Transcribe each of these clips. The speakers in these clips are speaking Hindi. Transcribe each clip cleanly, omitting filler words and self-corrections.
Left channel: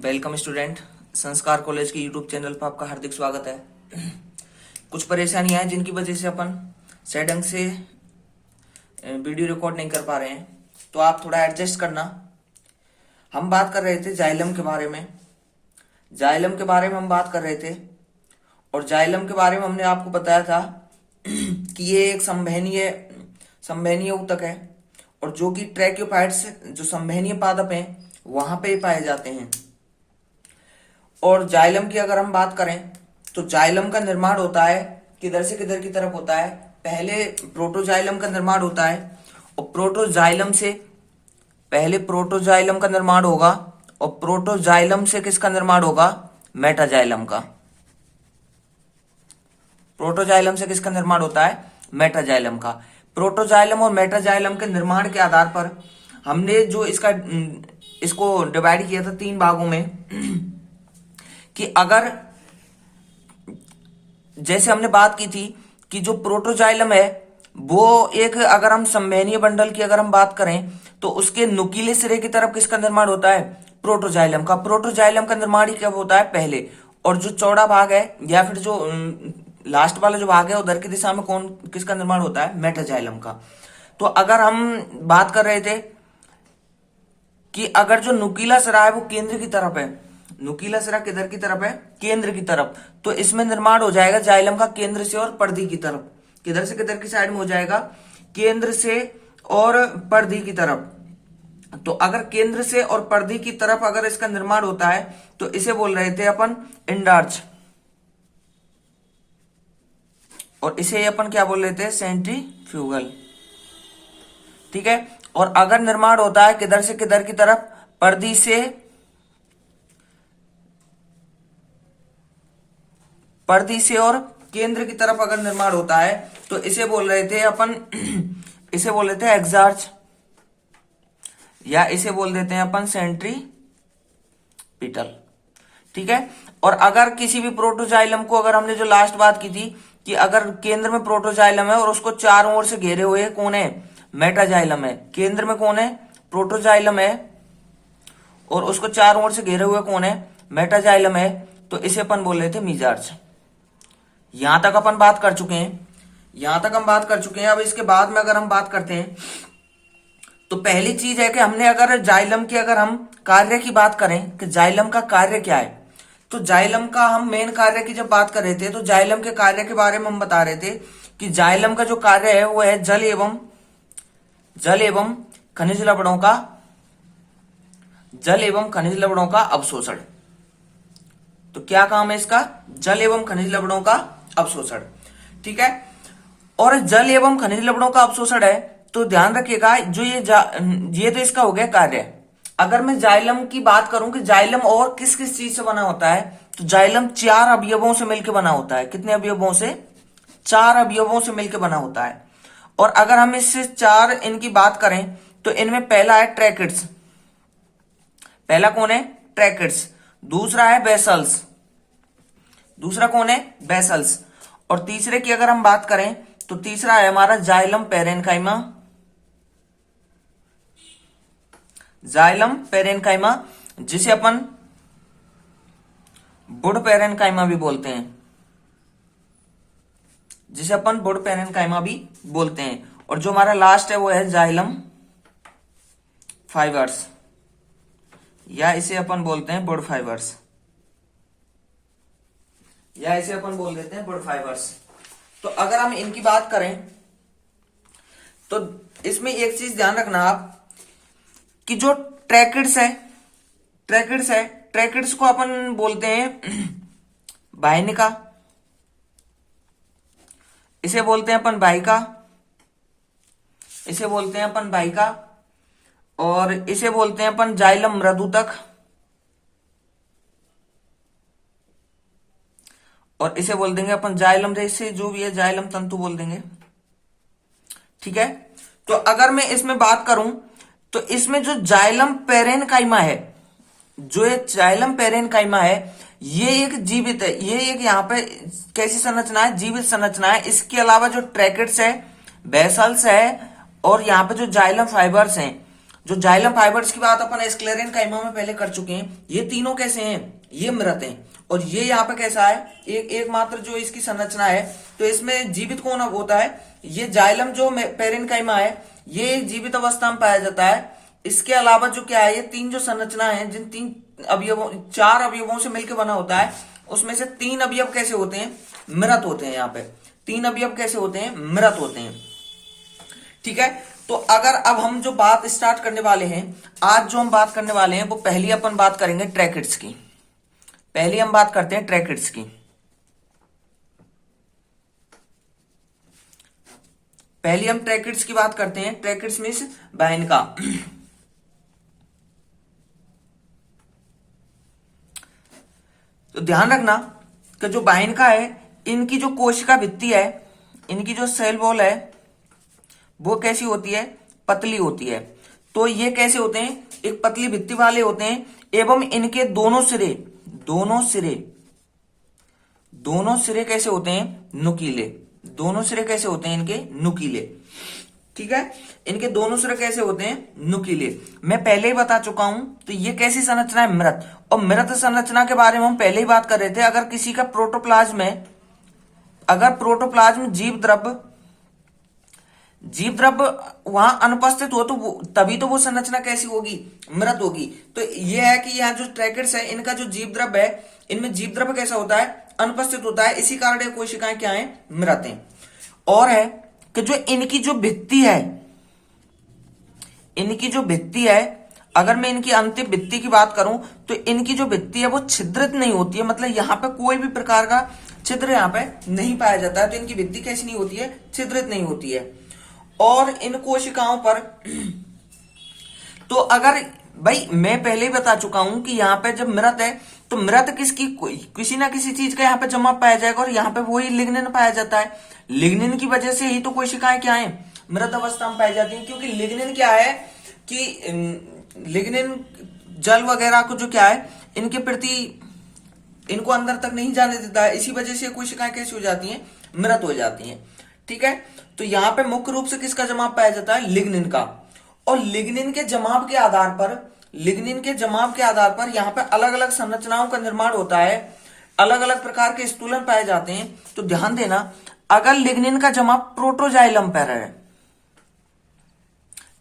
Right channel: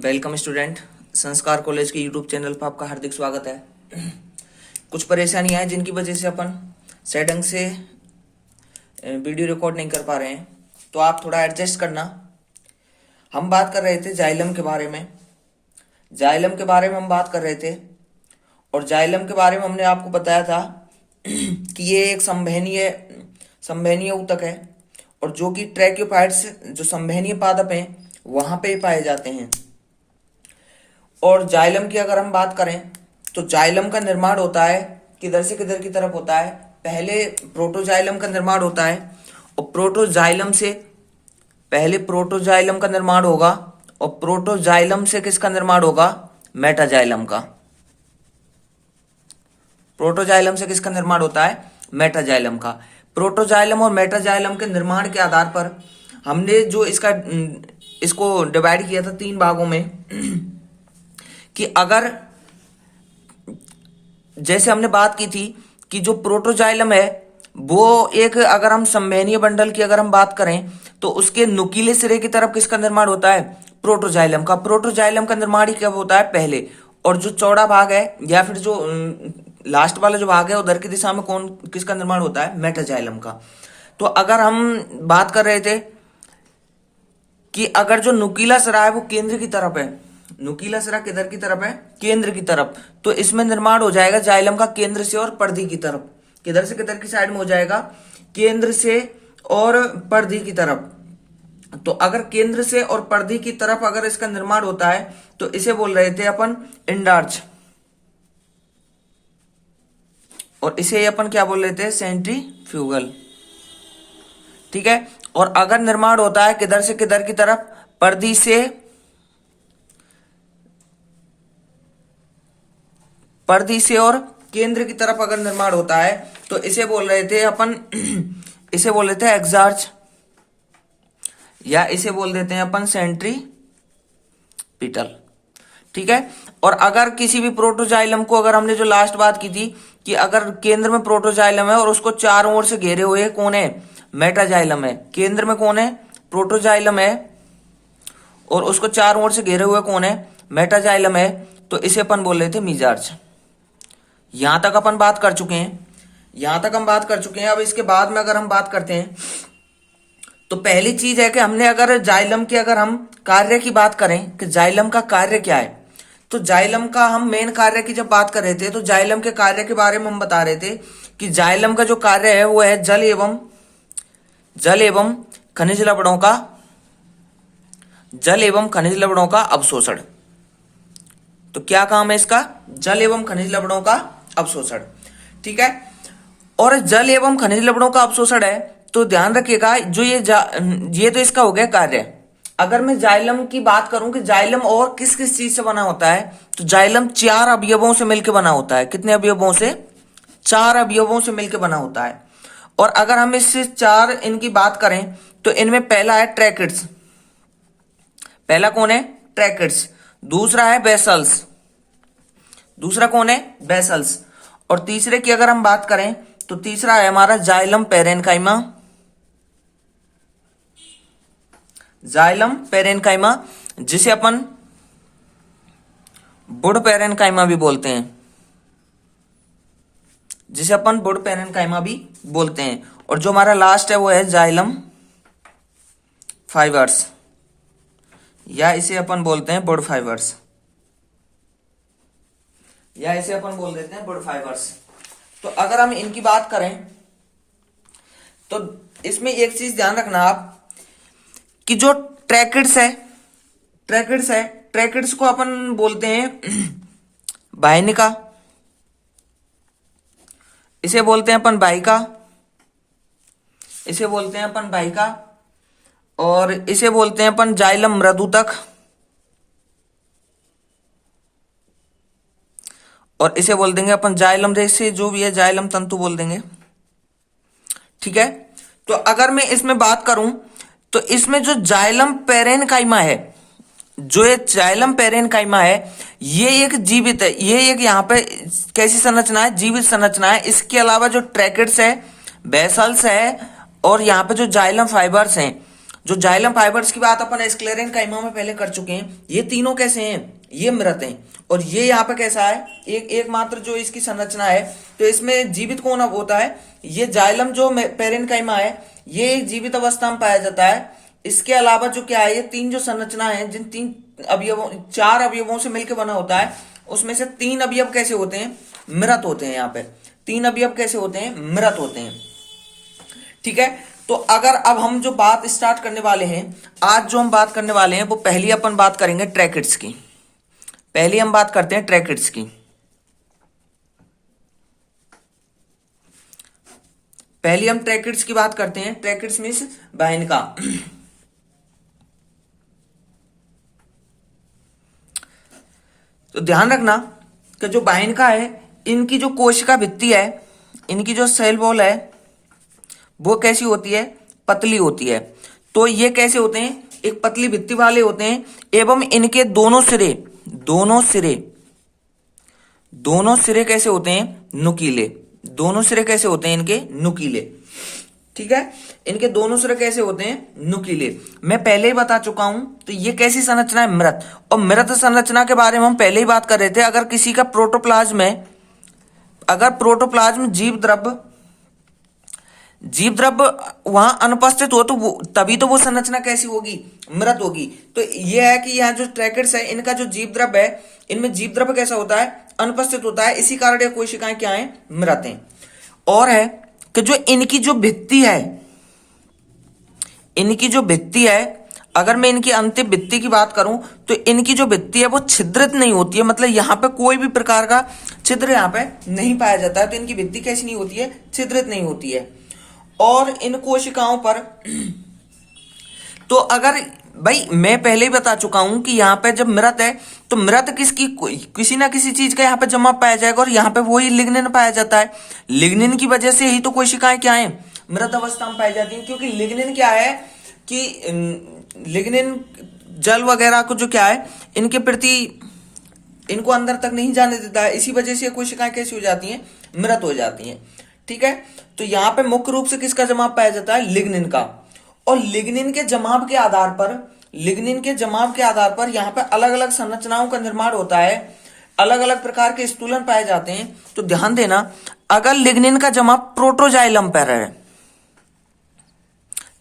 Welcome student. संस्कार कॉलेज के यूट्यूब चैनल पर आपका हार्दिक स्वागत है। कुछ परेशानियां हैं जिनकी वजह से अपन सही ढंग से वीडियो रिकॉर्ड नहीं कर पा रहे हैं, तो आप थोड़ा एडजस्ट करना। हम बात कर रहे थे जाइलम के बारे में। हम बात कर रहे थे और जाइलम के बारे में हमने आपको बताया था कि ये एक संवहनीय ऊतक है और जो कि ट्रैक्योफाइट्स जो संवहनीय पादप हैं वहां पे पाए जाते हैं। और जाइलम की अगर हम बात करें तो जाइलम का निर्माण होता है किधर से किधर की तरफ होता है। पहले प्रोटोजाइलम का निर्माण होता है और पहले प्रोटोजाइलम का निर्माण होगा और प्रोटोजाइलम से किसका निर्माण होगा? मेटाजाइलम का। प्रोटोजाइलम से किसका निर्माण होता है? मेटाजाइलम का। प्रोटोजाइलम और मेटाजाइलम के निर्माण के आधार पर हमने जो इसको डिवाइड किया था 3 भागों में कि अगर जैसे हमने बात की थी कि जो प्रोटोजाइलम है वो एक, अगर हम संवहनीय बंडल की अगर हम बात करें तो उसके नुकीले सिरे की तरफ किसका निर्माण होता है? प्रोटोजाइलम का। प्रोटोजाइलम का निर्माण ही कब होता है? पहले। और जो चौड़ा भाग है या फिर जो लास्ट वाला जो भाग है उधर की दिशा में किसका निर्माण होता है? मेटाजाइलम का। तो अगर हम बात कर रहे थे कि अगर जो नुकीला सिरा है वो केंद्र की तरफ है, नुकीला सिरा किधर की तरफ है? केंद्र की तरफ, तो इसमें निर्माण हो जाएगा जाइलम का केंद्र से और परिधि की तरफ। किधर से किधर की साइड में हो जाएगा? केंद्र से और परिधि की तरफ। तो अगर केंद्र से और परिधि की तरफ अगर इसका निर्माण होता है तो इसे बोल रहे थे अपन इंडार्च, और इसे अपन क्या बोल रहे थे? सेंट्रीफ्यूगल। ठीक है। और अगर निर्माण होता है किधर से किधर की तरफ? परिधि से और केंद्र की तरफ अगर निर्माण होता है तो इसे बोल रहे थे अपन इसे बोल रहे थे एक्सार्च, या इसे बोल देते हैं अपन सेंट्रीपिटल। ठीक है। और अगर किसी भी प्रोटोजाइलम को, अगर हमने जो लास्ट बात की थी कि अगर केंद्र में प्रोटोजाइलम है और उसको चारों ओर से घेरे हुए कौन है? मेटाजाइलम है। केंद्र में कौन है? प्रोटोजाइलम है और उसको चारों ओर से घेरे हुए कौन है? मेटाजाइलम है। तो इसे अपन बोल रहे थे मीजार्च। यहां तक अपन बात कर चुके हैं। अब इसके बाद में अगर हम बात करते हैं तो पहली चीज है कि हमने अगर जाइलम की अगर हम कार्य की बात करें कि जाइलम का कार्य क्या है, तो जाइलम का हम मेन कार्य की जब बात कर रहे थे तो जाइलम के कार्य के बारे में हम बता रहे थे कि जाइलम का जो कार्य है वो है जल एवं खनिज लवणों का अवशोषण। तो क्या काम है इसका? जल एवं खनिज लवणों का अवशोषण। ठीक है। और जल एवं खनिज लवणों का अवशोषण है तो ध्यान रखिएगा, जो ये तो इसका हो गया कार्य। अगर मैं जाइलम की बात करूं कि जाइलम और किस किस चीज से बना होता है, तो जाइलम 4 अवयवों से मिलकर बना होता है। कितने अवयवों से? 4 अवयवों से मिलकर बना होता है। और अगर हम इससे 4 इनकी बात करें तो इनमें पहला है ट्रैकिड्स। पहला कौन है? ट्रैकिड्स। दूसरा है बेसल्स। दूसरा कौन है? बेसल्स। और तीसरे की अगर हम बात करें तो तीसरा है हमारा जाइलम पेरेनकाइमा, जिसे अपन बुड पेरेनकाइमा भी बोलते हैं। और जो हमारा लास्ट है वो है जाइलम फाइबर्स, या इसे अपन बोलते हैं बुड फाइबर्स, या इसे अपन बोल देते हैं बुड फाइबर्स। तो अगर हम इनकी बात करें तो इसमें एक चीज ध्यान रखना आप कि जो ट्रैकिड्स को अपन बोलते हैं वाहिनिका, इसे बोलते हैं अपन वाहिका, और इसे बोलते हैं अपन जाइलम मृदुतक, और इसे बोल देंगे अपन जाइलम रेशे, जो भी है जाइलम तंतु बोल देंगे। ठीक है। तो अगर मैं इसमें बात करूं तो इसमें जो जाइलम पेरेनकाइमा है, ये एक जीवित है। ये एक यहाँ पे कैसी संरचना है? जीवित संरचना है। इसके अलावा जो ट्रैकिड्स है, बेसल्स है और यहाँ पे जो जाइलम फाइबर्स हैं जो जाइलम फाइबर्स की बात अपन स्क्लेरेन काइमा में पहले कर चुके हैं, ये तीनों कैसे हैं, ये मृत हैं। और ये यहाँ पे कैसा है, एकमात्र जो इसकी संरचना है, तो इसमें जीवित कौन होता है, ये जाइलम जो पेरेन्काइमा है, ये जीवित अवस्था में पाया जाता है। इसके अलावा जो क्या है, ये तीन जो संरचना है, जिन तीन अवयवों, चार अवयवों से मिलकर बना होता है, उसमें से तीन अवयव कैसे होते हैं, मृत होते हैं। यहाँ पे तीन अवयव कैसे होते हैं, मृत होते हैं। ठीक है, तो अगर अब हम जो बात स्टार्ट करने वाले हैं, आज जो हम बात करने वाले हैं, वो पहली अपन बात करेंगे ट्रैकिड्स की। पहली हम बात करते हैं ट्रैकिड्स की। पहली हम ट्रैकिड्स की बात करते हैं। ट्रैकिड्स मीन्स बाहिनका। तो ध्यान रखना कि जो बाहिनका है, इनकी जो कोशिका भित्ति है, इनकी जो सेल वॉल है, वो कैसी होती है, पतली होती है। तो ये कैसे होते हैं, एक पतली भित्ति वाले होते हैं, एवं इनके दोनों सिरे कैसे होते हैं, नुकीले। दोनों सिरे कैसे होते हैं इनके, नुकीले। ठीक है, इनके दोनों सिरे कैसे होते हैं, नुकीले। मैं पहले ही बता चुका हूं। तो ये कैसी संरचना है, मृत। और मृत संरचना के बारे में हम पहले ही बात कर रहे थे। अगर किसी का प्रोटोप्लाज्म है, अगर प्रोटोप्लाज्म जीव द्रव्य वहां अनुपस्थित हो, तो तभी तो वो संरचना कैसी होगी, मृत होगी। तो ये है कि यहाँ जो ट्रैकिड्स है, इनका जो जीव द्रव्य है, इनमें जीव द्रव्य कैसा होता है, अनुपस्थित होता है। इसी कारण ये कोशिकाएं क्या है, मृत हैं। और है कि जो इनकी जो भित्ति है, अगर मैं इनकी अंतिम भित्ति की बात करूं, तो इनकी जो भित्ति है वो छिद्रित नहीं होती है। मतलब यहाँ पे कोई भी प्रकार का छिद्र यहाँ पे नहीं पाया जाता है। तो इनकी भित्ति कैसी नहीं होती है, छिद्रित नहीं होती है। और इन कोशिकाओं पर तो अगर भाई मैं पहले ही बता चुका हूं कि यहाँ पे जब मृत है, तो मृत किसी ना किसी चीज का यहाँ पे जमा पाया जाएगा, और यहाँ पे वही लिग्निन पाया जाता है। लिग्निन की वजह से ही तो कोशिकाएं क्या है, मृत अवस्था में पाई जाती है। क्योंकि लिग्निन क्या है कि लिग्निन जल वगैरह को जो क्या है, इनके प्रति इनको अंदर तक नहीं जाने देता है। इसी वजह से कोशिकाएं कैसी हो जाती हैं, मृत हो जाती हैं। ठीक है, तो यहाँ पे मुख्य रूप से किसका जमाव पाया जाता है, लिग्निन का। और लिग्निन के जमाव के आधार पर यहाँ पे अलग अलग संरचनाओं का निर्माण होता है, अलग अलग प्रकार के स्थूलन पाए जाते हैं। तो ध्यान देना, अगर लिग्निन का जमाव प्रोटोजाइलम पर है,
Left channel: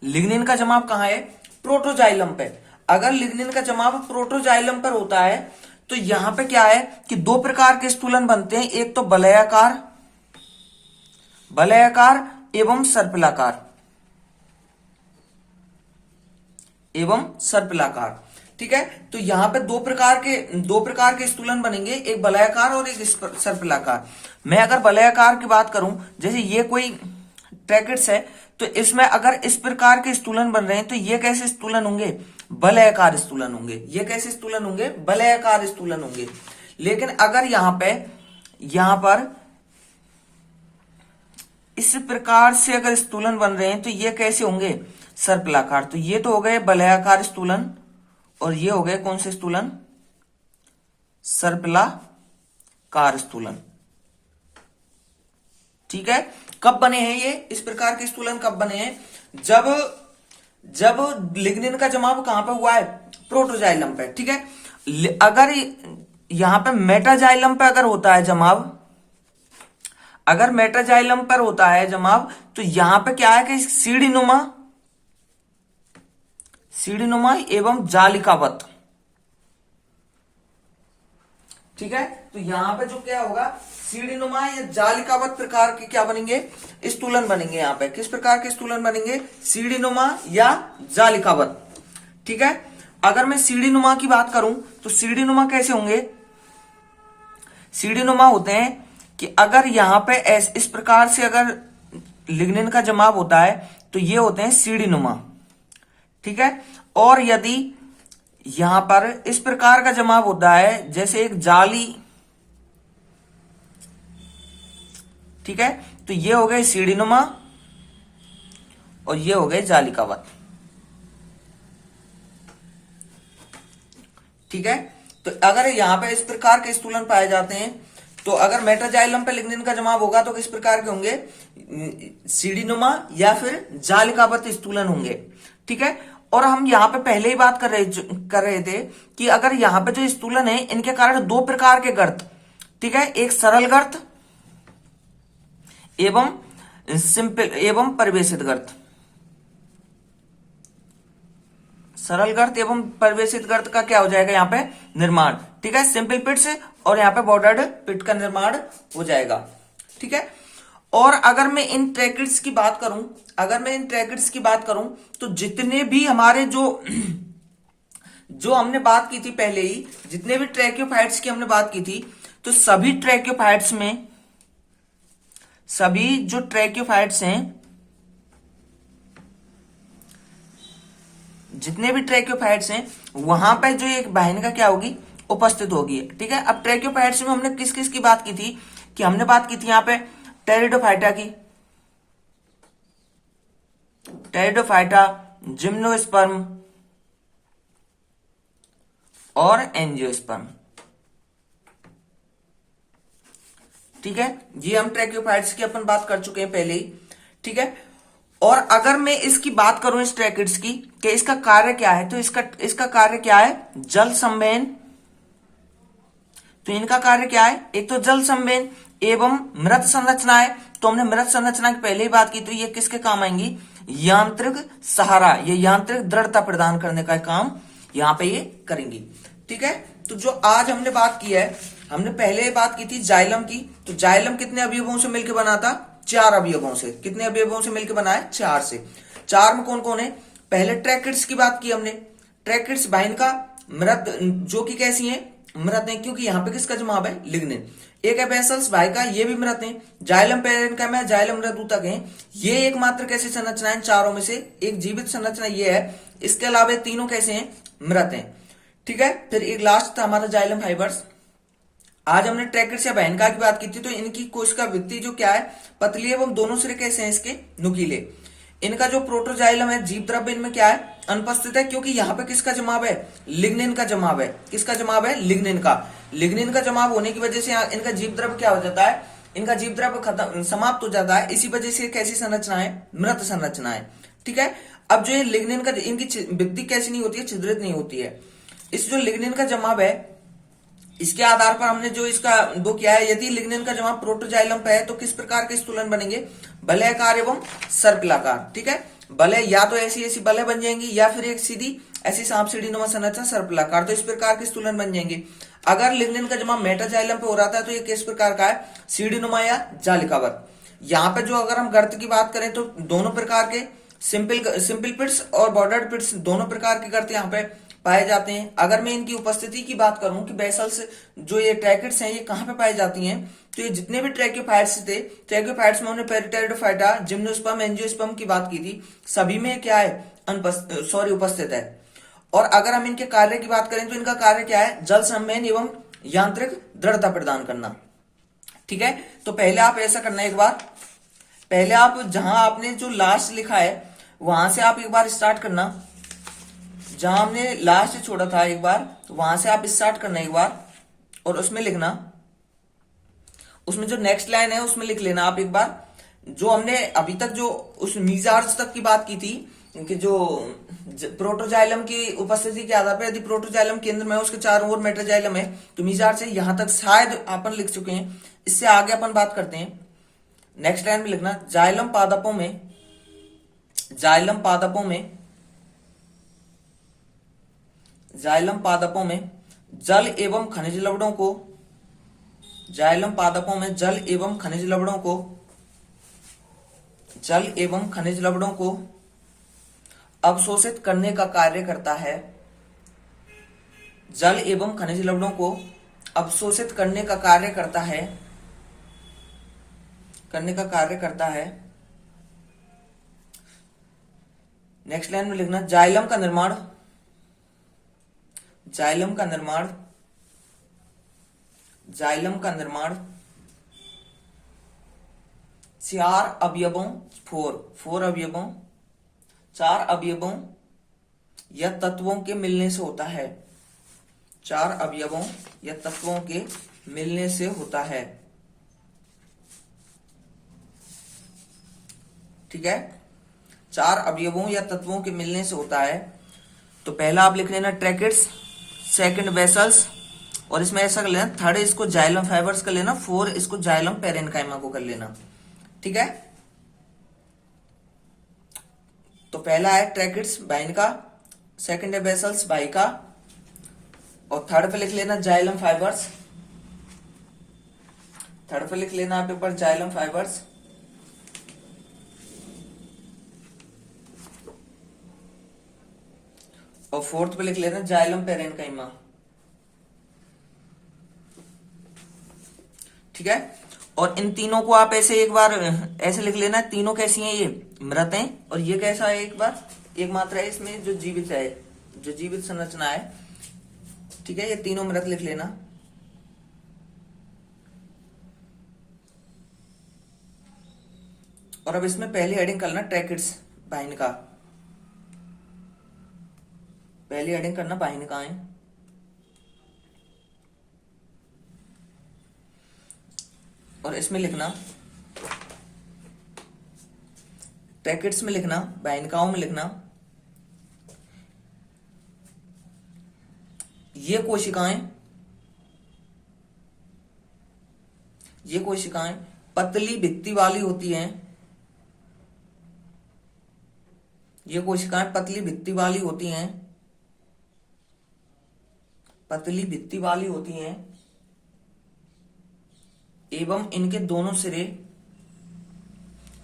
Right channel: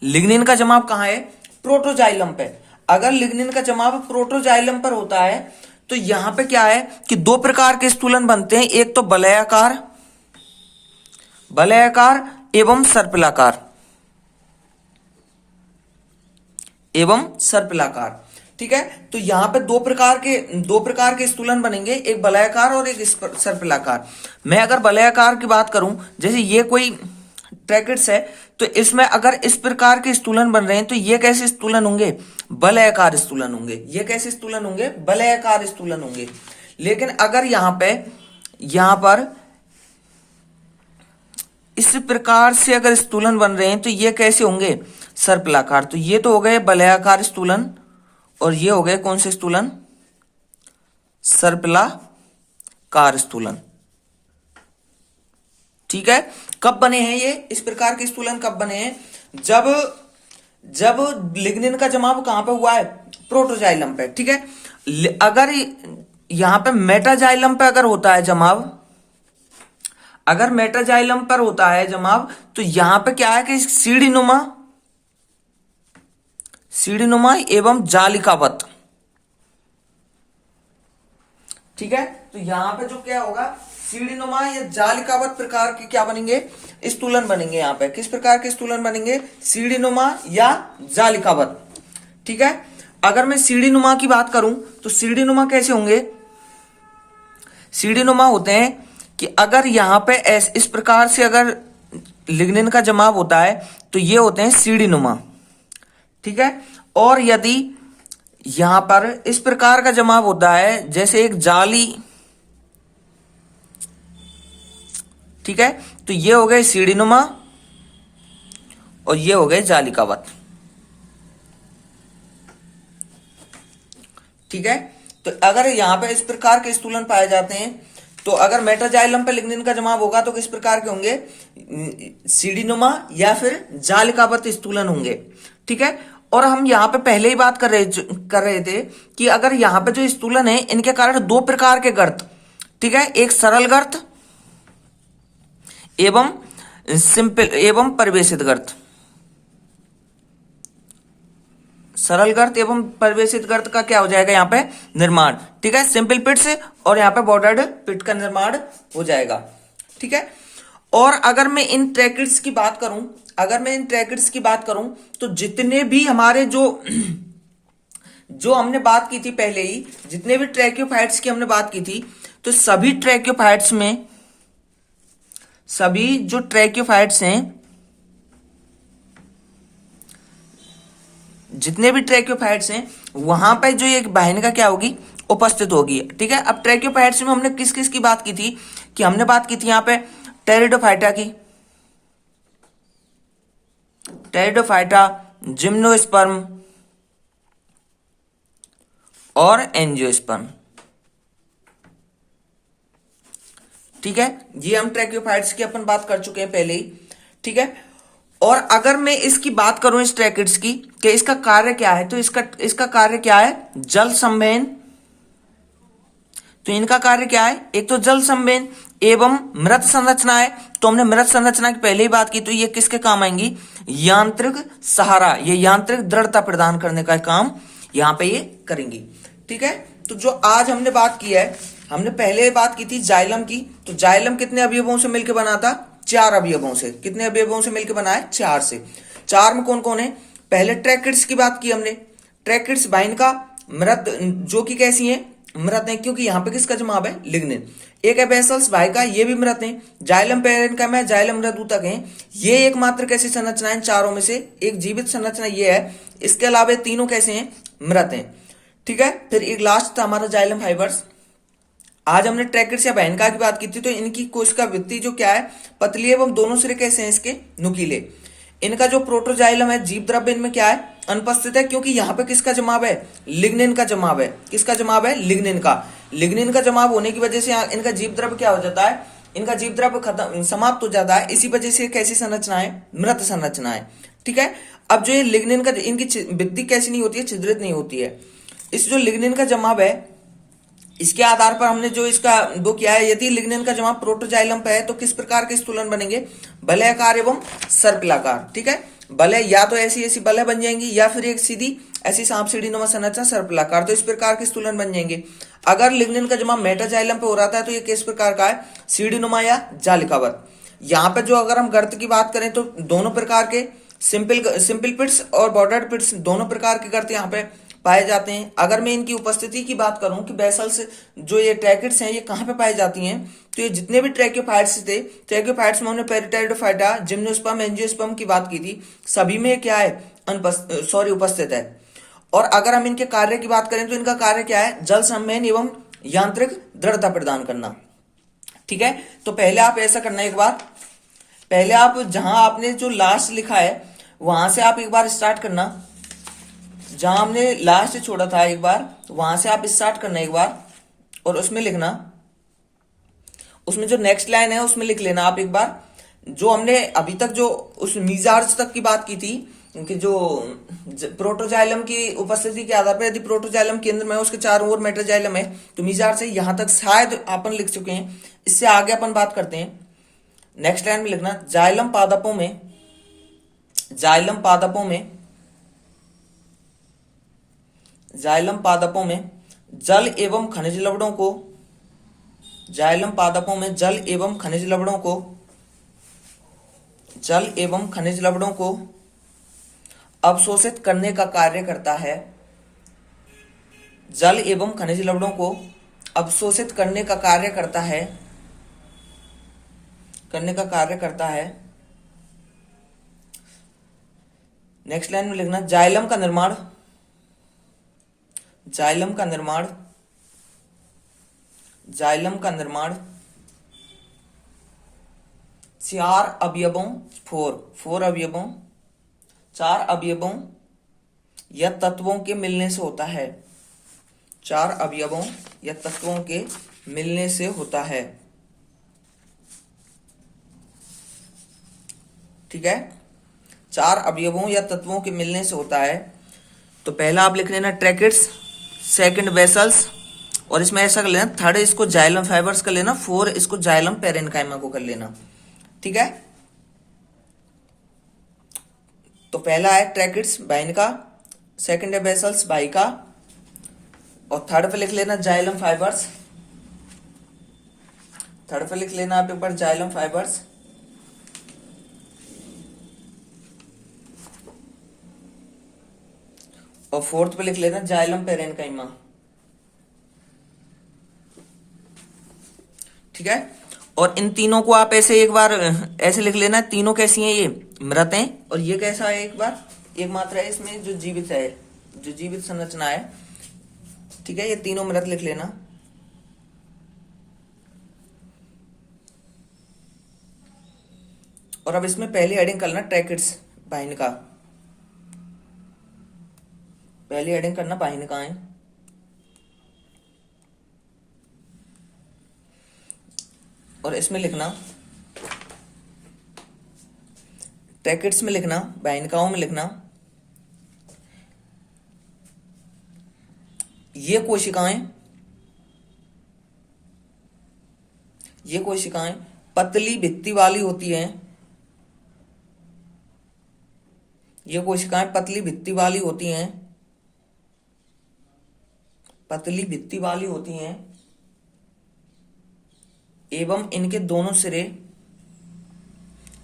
लिग्निन का जमाव कहां है, प्रोटोजाइलम पे। अगर लिग्निन का जमाव प्रोटोजाइलम पर होता है, तो यहां पे क्या है कि दो प्रकार के स्थूलन बनते हैं। एक तो वलयाकार एवं सर्पिलाकार। ठीक है, तो यहां पे दो प्रकार के स्थूलन बनेंगे, एक वलयाकार और एक सर्पिलाकार। मैं अगर वलयाकार की बात करूं, जैसे ये कोई ट्रैकिड्स है, तो इसमें अगर इस प्रकार के स्थूलन बन रहे हैं, तो ये कैसे स्थूलन होंगे, वलयाकार स्थूलन होंगे। ये कैसे स्थूलन होंगे, वलयाकार स्थूलन होंगे। लेकिन अगर यहां पर इस प्रकार से अगर स्थूलन बन रहे हैं, तो ये कैसे होंगे, सर्पिलाकार। तो ये तो हो गए वलयाकार स्थूलन, और ये हो गए कौन से स्थूलन, सर्पिलाकार स्थूलन। ठीक है, कब बने हैं ये, इस प्रकार के स्थूलन कब बने हैं, जब लिग्निन का जमाव कहां पे हुआ है, प्रोटोजाइलम पे। ठीक है, अगर यहां पे मेटाजाइलम पे अगर होता है जमाव, अगर मेटाजाइलम पर होता है जमाव, तो यहां पे क्या है कि सीढ़ीनुमा एवं जालिकावत। ठीक है, तो यहां पे जो क्या होगा, सीढ़ीनुमा या जालिकावत प्रकार के क्या बनेंगे, स्थूलन बनेंगे। यहां पे किस प्रकार के स्थूलन बनेंगे, सीढ़ीनुमा या जालिकावत। ठीक है, अगर मैं सीढ़ीनुमा की बात करूं, तो सीढ़ीनुमा कैसे होंगे, सीढ़ीनुमा होते हैं कि अगर यहां पे इस प्रकार से अगर लिग्निन का जमाव होता है, तो ये होते हैं सीढ़ीनुमा। ठीक है, और यदि यहां पर इस प्रकार का जमाव होता है, जैसे एक जाली, ठीक है, तो ये हो गए सीढ़ीनुमा और ये हो गए जालिकावत। ठीक है, तो अगर यहां पे इस प्रकार के स्थूलन पाए जाते हैं, तो अगर मेटाजाइलम पे लिग्निन का जमाव होगा, तो किस प्रकार के होंगे, सीढ़ीनुमा या फिर जालिकावत स्थूलन होंगे। ठीक है, और हम यहाँ पे पहले ही बात कर रहे थे कि अगर यहाँ पे जो स्थूलन है इनके कारण दो प्रकार के गर्त, ठीक है, एक सरल गर्त एवं सिंपल एवं परिवेशित गर्त, सरल गर्त एवं परिवेशित गर्त का क्या हो जाएगा यहाँ पे निर्माण, ठीक है, सिंपल पिट्स और यहाँ पे बॉर्डर्ड पिट का निर्माण हो जाएगा, ठीक है। और अगर मैं इन ट्रैकेट्स की बात करूं, अगर मैं इन ट्रैकेट्स की बात करूं तो जितने भी हमारे जो हमने बात की थी पहले ही, जितने भी ट्रैक्योफाइट्स की हमने बात की थी, तो सभी ट्रैक्योफाइट्स में, सभी जो ट्रैक्योफाइट्स हैं, जितने भी ट्रैक्योफाइट्स हैं वहां पे जो एक वाहिनिका क्या होगी, उपस्थित होगी, ठीक है। अब ट्रैक्योफाइट्स में हमने किस किस की बात की थी, कि हमने बात की थी यहाँ पे टेरिडोफाइटा की, टेरिडोफाइटा, जिम्नोस्पर्म और एंजियोस्पर्म, ठीक है। ये हम ट्रैक्योफाइट्स की अपन बात कर चुके हैं पहले ही, ठीक है। और अगर मैं इसकी बात करूं इस ट्रैकेट्स की कि इसका कार्य क्या है, तो इसका कार्य क्या है, जल संवहन। तो इनका कार्य क्या है, एक तो जल संवहन एवं मृत संरचना है। तो हमने मृत संरचना की पहले ही बात की, तो ये किसके काम आएंगी, यांत्रिक सहारा, ये यांत्रिक दृढ़ता प्रदान करने का काम यहां पे ये करेंगी, ठीक है। तो जो आज हमने बात की है, हमने पहले बात की थी जाइलम की। तो जाइलम कितने अवयवों से मिलकर बना था, 4 अवयवों से। कितने अवयवों से मिलकर बना है, 4 से। 4 में कौन कौन है, पहले ट्रैकेट्स की बात की हमने, ट्रैकेट्स वाहिनिका मृत, जो कि कैसी है, मृत है, क्योंकि यहाँ पे किसका जमाव है, लिग्निन। एक है बेसल्स वाहिका, ये भी मृत है। जाइलम पेरेन्कम है, जाइलम मृदूतक है। ये एकमात्र कैसी संरचना है, चारों में से एक जीवित संरचना ये है। इसके अलावा तीनों कैसे हैं, मृत हैं, ठीक है। फिर एक लास्ट था हमारा जाइलम फाइबर्स। आज हमने ट्रैकेट्स या वाहिनिका की बात की थी, तो इनकी कोशिका वृत्ति जो क्या है, पतली एवं दोनों सिरे कैसे हैं इसके, नुकीले। इनका जो प्रोटोजाइलम है, जीव द्रव्य इनमें क्या है, अनुपस्थित है, क्योंकि यहाँ पे किसका जमाव है, लिग्निन का जमाव है। किसका जमाव है, लिग्निन का। लिग्निन का जमाव होने की वजह से इनका जीव द्रव्य क्या हो जाता है, इनका जीव द्रव्य खत्म, समाप्त हो जाता है। इसी वजह से कैसी संरचना है, मृत संरचना है, ठीक है। अब जो ये लिग्निन का, इनकी वृद्धि कैसी नहीं होती है, छिद्रित नहीं होती है। इस जो लिग्निन का जमाव है, इसके आधार पर हमने जो इसका दो किया है, यदि लिग्निन का जमाव प्रोटोजाइलम पे है तो किस प्रकार के स्थूलन बनेंगे, वलयाकार एवं सर्पिलाकार, ठीक है। वलय या तो ऐसी ऐसी वलय बन जाएंगी, या फिर एक सीधी ऐसी सांप सीढ़ी नुमा संरचना सर्पिलाकार, तो इस प्रकार के स्थूलन बन जाएंगे। अगर लिग्निन का जमाव मेटाजाइलम पे हो रहा था तो ये किस प्रकार का है, सीढ़ी नुमा या जालिकावत। यहाँ पे जो अगर हम गर्त की बात करें तो दोनों प्रकार के सिंपल पिट्स और बॉर्डर्ड पिट्स, दोनों प्रकार के गर्त यहाँ पे पाए जाते हैं। अगर मैं इनकी उपस्थिति की बात करूं कि बेसल्स जो ये ट्रैकेट्स हैं ये कहां पे पाई जाती हैं, तो ये जितने भी ट्रैक्योफाइट्स थे, ट्रैक्योफाइट्स में हमने पेरिटेरिडोफाइटा, जिम्नोस्पर्म, एंजियोस्पर्म की बात की थी, सभी में क्या है, उपस्थित है। और अगर हम इनके कार्य की बात करें तो इनका कार्य क्या है, जल संवहन एवं यांत्रिक दृढ़ता प्रदान करना, ठीक है। तो पहले आप ऐसा करना, एक बार पहले आप जहां आपने जो लास्ट लिखा है वहां से आप एक बार स्टार्ट करना, जहां हमने लास्ट छोड़ा था एक बार वहां से आप स्टार्ट करना एक बार, और उसमें लिखना, उसमें जो नेक्स्ट लाइन है उसमें लिख लेना आप एक बार, जो हमने अभी तक जो उस मीजार्ज तक की बात की थी, कि जो प्रोटोजाइलम की उपस्थिति के आधार पर यदि प्रोटोजाइलम केंद्र में है, उसके चारों ओर मेटाजाइलम है, तो मीजार्ज से यहां तक शायद अपन लिख चुके हैं। इससे आगे अपन बात करते हैं। नेक्स्ट लाइन में लिखना, जाइलम पादपों में, जाइलम पादपों में, जाइलम पादपों में जल एवं खनिज लवणों को, जाइलम पादपों में जल एवं खनिज लवणों को, जल एवं खनिज लवणों को अवशोषित करने का कार्य करता है, जल एवं खनिज लवणों को अवशोषित करने का कार्य करता है, करने का कार्य करता है। नेक्स्ट लाइन में लिखना, जाइलम का निर्माण, जाइलम का निर्माण, जाइलम का निर्माण 4 अवयवों, 4 अवयवों, 4 अवयवों या तत्वों के मिलने से होता है, 4 अवयवों या तत्वों के मिलने से होता है, ठीक है। 4 अवयवों या तत्वों के मिलने से होता है। तो पहला आप लिख लेना ट्रैकेट्स, सेकंड वेसल्स, और इसमें ऐसा कर लेना, थर्ड इसको जाइलम फाइबर्स कर लेना, फोर इसको जाइलम पेरेन्काइमा को कर लेना। ठीक है, तो पहला है ट्रैकेट्स बाइन का, सेकंड है वेसल्स बाई का, और थर्ड पे लिख लेना जाइलम फाइबर्स, थर्ड पे लिख लेना आप एक बार जाइलम फाइबर्स, और फोर्थ पे लिख लेना जाइलम पेरेन्काइमा। ठीक है, और इन तीनों को आप ऐसे एक बार ऐसे लिख लेना, तीनों कैसी हैं, ये मृत हैं, और ये कैसा है, एक बार एक मात्रा है इसमें जो जीवित है, जो जीवित संरचना है। ठीक है, ये तीनों मृत लिख लेना। और अब इसमें पहले हेडिंग करना ट्रैकेट्स बाइन का, पहली हेडिंग करना बाइन का है, और इसमें लिखना ट्रैकेट्स में लिखना, बाइनकाओं में लिखना, ये कोशिकाएं पतली भित्ति वाली होती हैं, ये कोशिकाएं पतली भित्ति वाली होती हैं, पतली भित्ति वाली होती हैं, एवं इनके दोनों सिरे,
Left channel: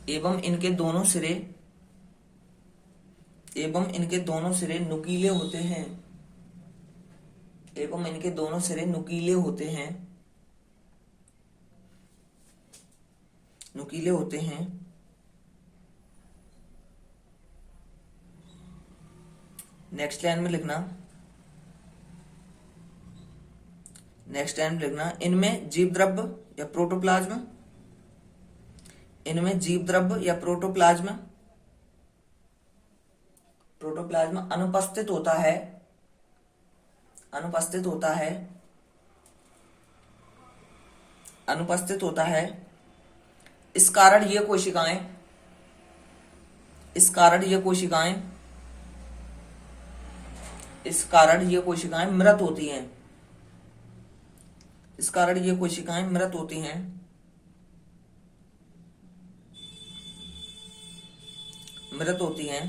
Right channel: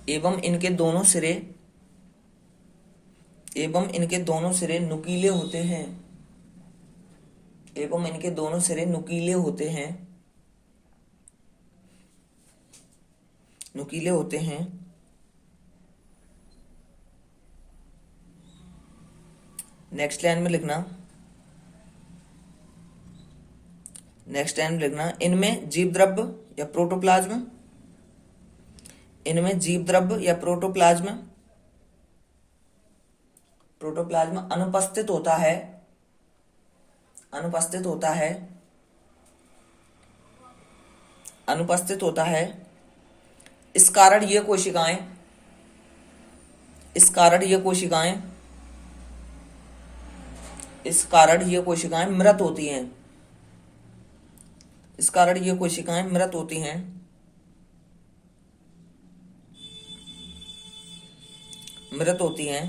एवं इनके दोनों सिरे, एवं इनके दोनों सिरे नुकीले होते हैं, एवं इनके दोनों सिरे नुकीले होते हैं, नुकीले होते हैं। नेक्स्ट लाइन में लिखना, नेक्स्ट लाइन में लिखना, इनमें जीव द्रव्य या प्रोटोप्लाज्म, इनमें जीव द्रव्य या प्रोटोप्लाज्म, प्रोटोप्लाज्म अनुपस्थित होता है, अनुपस्थित होता है, अनुपस्थित होता है। इस कारण ये कोशिकाएं, इस कारण ये कोशिकाएं, इस कारण ये कोशिकाएं मृत होती हैं, इस कारण ये कोशिकाएं मृत होती हैं, मृत होती हैं।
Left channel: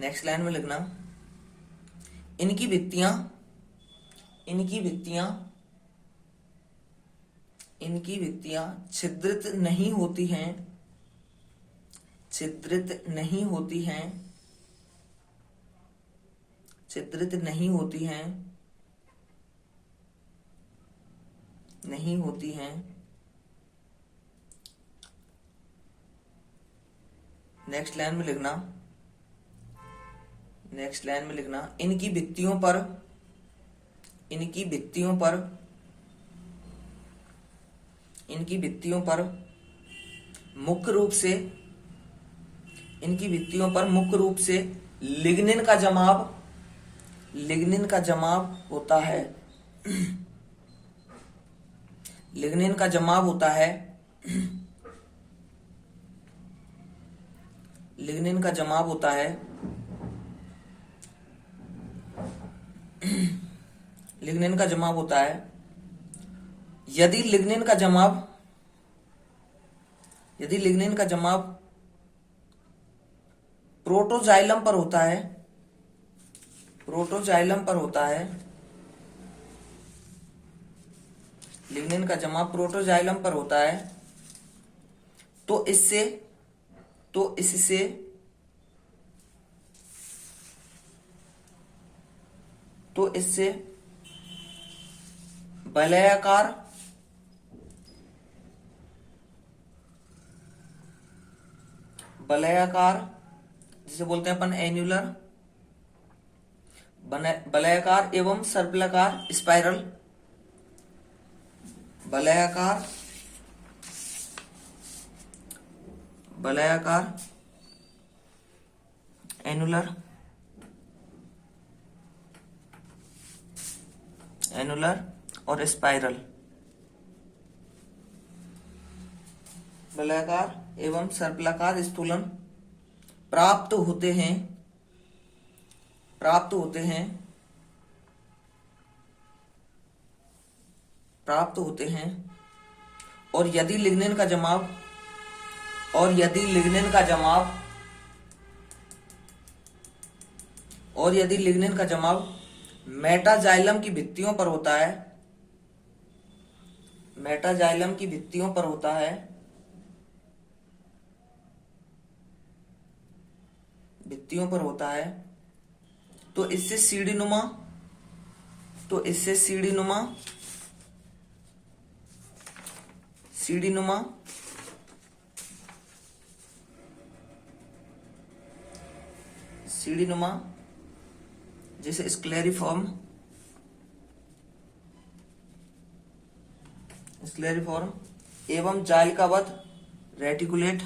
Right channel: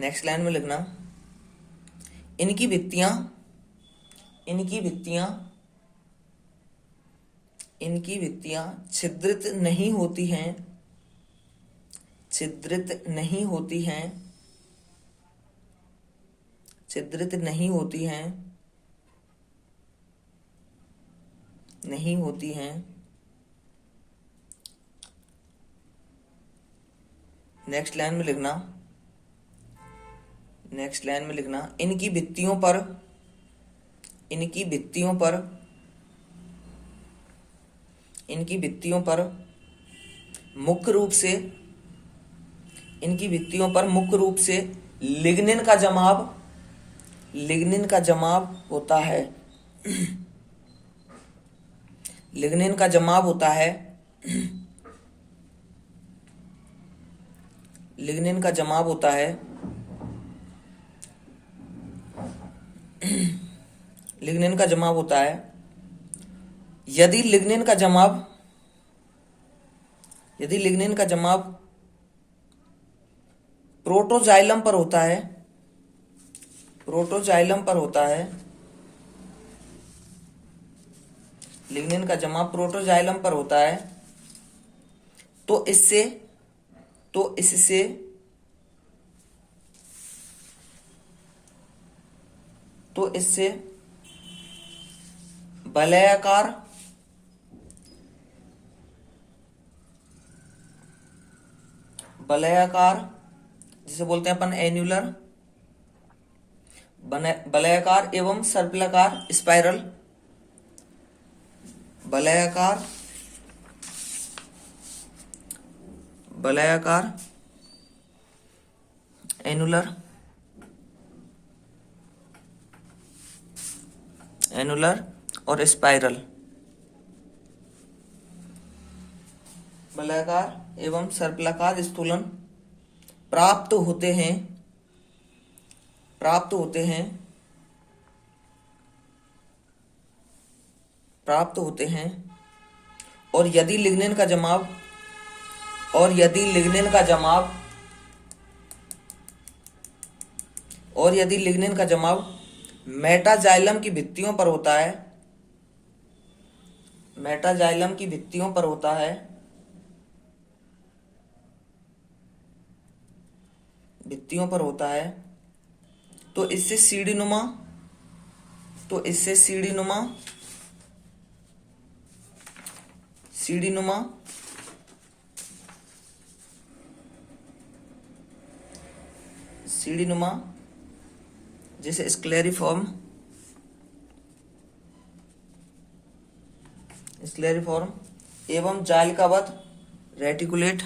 नेक्स्ट लाइन में लिखना, इनकी भित्तियां, इनकी भित्तियां, इनकी भित्तियां छिद्रित नहीं होती हैं, छिद्रित नहीं होती हैं, छिद्रित नहीं होती हैं, नहीं होती हैं। नेक्स्ट लाइन में लिखना, नेक्स्ट लाइन में लिखना, इनकी भित्तियों पर, इनकी भित्तियों पर, इनकी भित्तियों पर मुख्य रूप से, इनकी भित्तियों पर मुख्य रूप से लिग्निन का जमाव, लिग्निन का जमाव होता है, लिग्निन का जमाव होता है, लिग्निन का जमाव होता है, लिग्निन का जमाव होता है। यदि लिग्निन का जमाव, यदि लिग्निन का जमाव प्रोटोजाइलम पर होता है, प्रोटोजाइलम पर होता है, लिग्निन का जमाव प्रोटोजाइलम पर होता है, तो इससे, तो इससे तो इससे वलयाकार, वलयाकार जिसे बोलते हैं अपन एन्युलर, वलयाकार एवं सर्पिलाकार स्पाइरल, वलयाकार, वलयाकार, एनुलर, एनुलर और स्पाइरल, वलयाकार एवं सर्पिलाकार स्थूलन प्राप्त होते हैं, प्राप्त होते हैं, प्राप्त होते हैं। और यदि लिग्निन का जमाव, और यदि लिग्निन का जमाव, और यदि लिग्निन का जमाव मेटाजाइलम की भित्तियों पर होता है, मेटाजाइलम की भित्तियों पर होता है, भित्तियों पर होता है, तो इससे सीढ़ी नुमा, तो इससे सीढ़ी नुमा, सीढ़ी नुमा सीढ़ी नुमा जैसे स्क्लेरिफॉर्म, स्क्लेरिफॉर्म एवं जालिकावत रेटिकुलेट,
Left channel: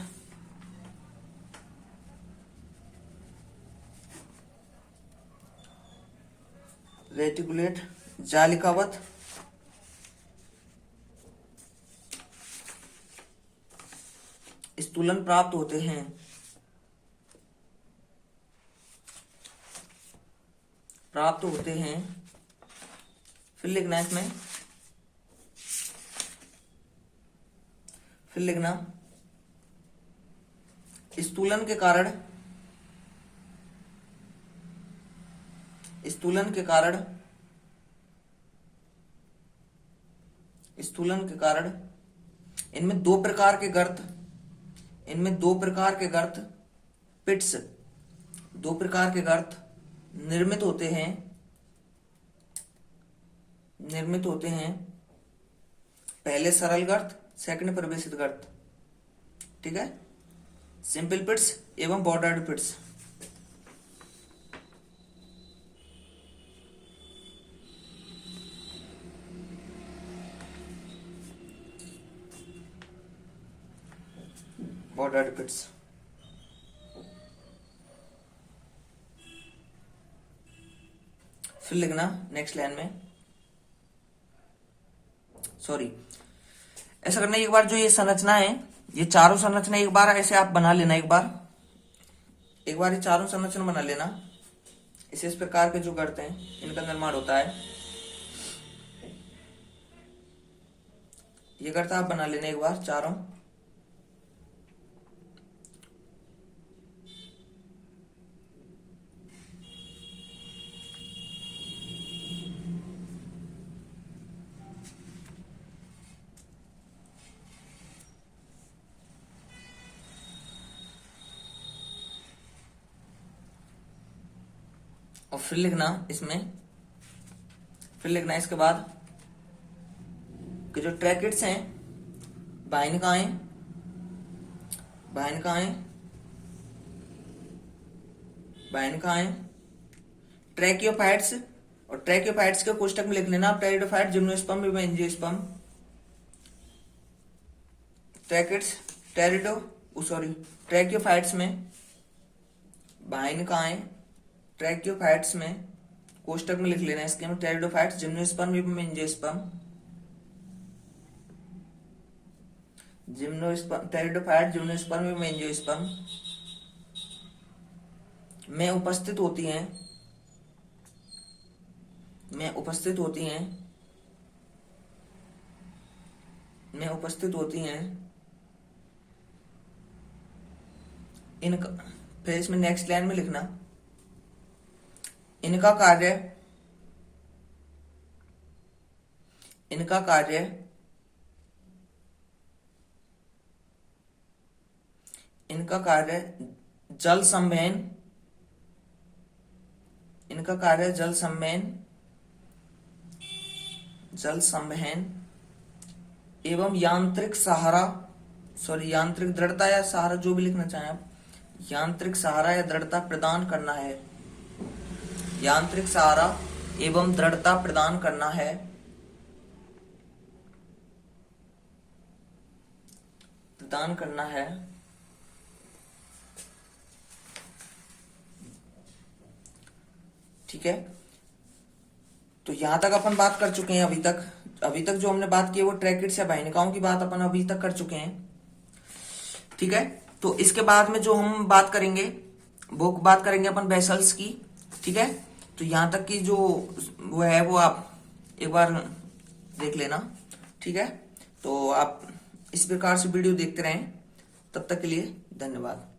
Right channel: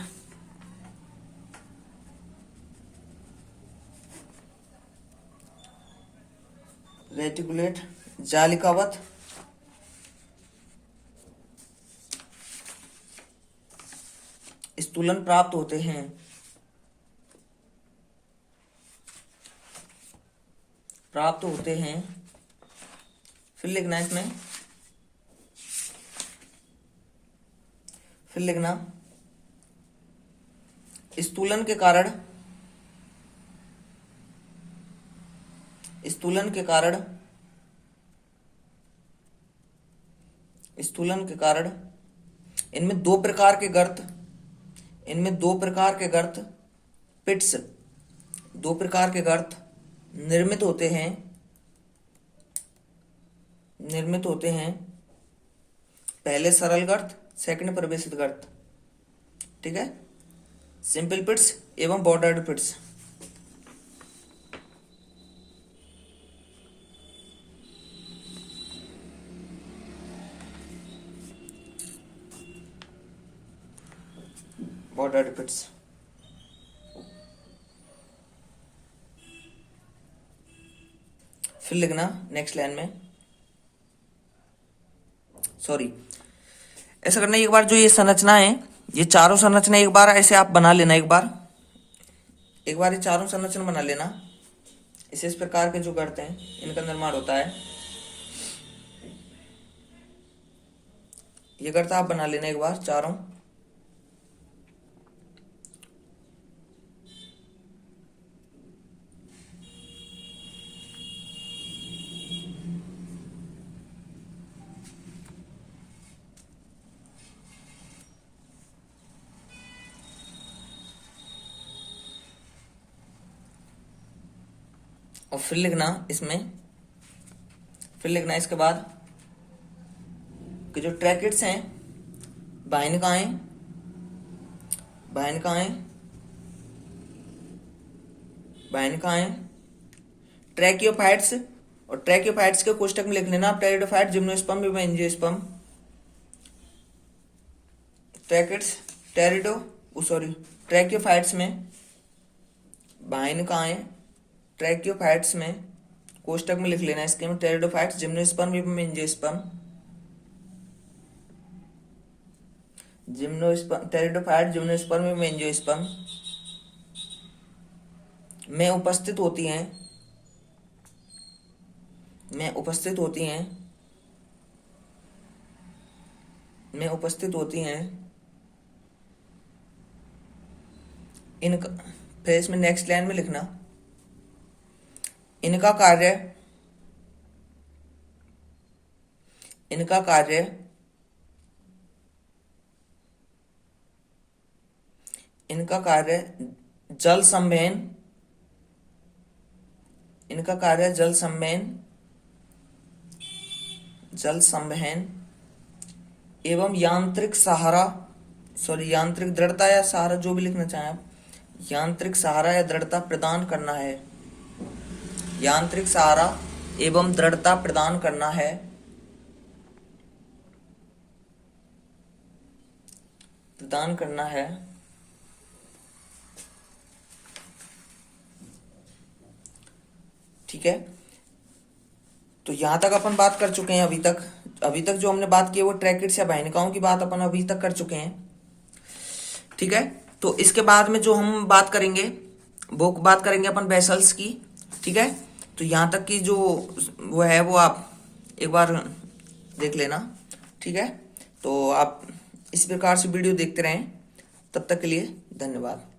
रेटिकुलेट जालिकावत स्थूलन प्राप्त होते हैं। प्राप्त होते हैं। फिर लिखना इसमें, फिर लिखना स्थूलन के कारण, स्थूलन के कारण, स्थूलन के कारण इनमें दो प्रकार के गर्त, इनमें दो प्रकार के गर्त पिट्स, दो प्रकार के गर्त निर्मित होते हैं, निर्मित होते हैं। पहले सरल गर्त, सेकंड प्रवेशित गर्त, ठीक है। सिंपल पिट्स एवं बॉर्डर्ड पिट्स। बॉर्डर्ड पिट्स। फिर लिखना नेक्स्ट लाइन में, सॉरी ऐसा करना, एक बार जो ये संरचना है, ये चारों संरचना एक बार ऐसे आप बना लेना, एक बार ये चारों संरचना बना लेना। इस प्रकार के जो गर्त हैं इनका निर्माण होता है। ये गर्त आप बना लेना एक बार चारों। और फिर लिखना इसमें, फिर लिखना इसके बाद कि जो ट्रैकेट्स हैं, बाइनकाएं, बाइनकाएं, बाइनकाएं, ट्रैकियोफाइट्स, और ट्रैकियोफाइट्स के कोष्टक में लिख लेना प्टेरिडोफाइट, जिम्नोस्पर्म एवं एंजियोस्पर्म। ट्रैकेट्स, ट्रैकियोफाइट्स में बाइनकाएं, ट्रैकियोफाइट्स में कोष्टक में लिख लेना इसके में टेरिडोफाइट्स, जिम्नोस्पर्म एवं एंजियोस्पर्म, टेरिडोफाइट, जिम्नोस्पर्म एवं एंजियोस्पर्म में उपस्थित होती हैं, में उपस्थित होती हैं, में उपस्थित होती हैं इनका। फिर इसमें नेक्स्ट लाइन में लिखना इनका कार्य, इनका कार्य इनका कार्य जल संवहन, इनका कार्य जल संवहन, जल संवहन एवं यांत्रिक सहारा, सॉरी यांत्रिक दृढ़ता या सहारा, जो भी लिखना चाहें आप, यांत्रिक सहारा या दृढ़ता प्रदान करना है, यांत्रिक सहारा एवं दृढ़ता प्रदान करना है, प्रदान करना है। ठीक है, तो यहां तक अपन बात कर चुके हैं। अभी तक जो हमने बात की है वो ट्रैकेट्स या बाहिनिकाओं की बात अपन अभी तक कर चुके हैं। ठीक है, तो इसके बाद में जो हम बात करेंगे वो बात करेंगे अपन वेसल्स की। ठीक है, तो यहां तक की जो वो है वो आप एक बार देख लेना। ठीक है, तो आप इस प्रकार से वीडियो देखते रहें। तब तक के लिए धन्यवाद।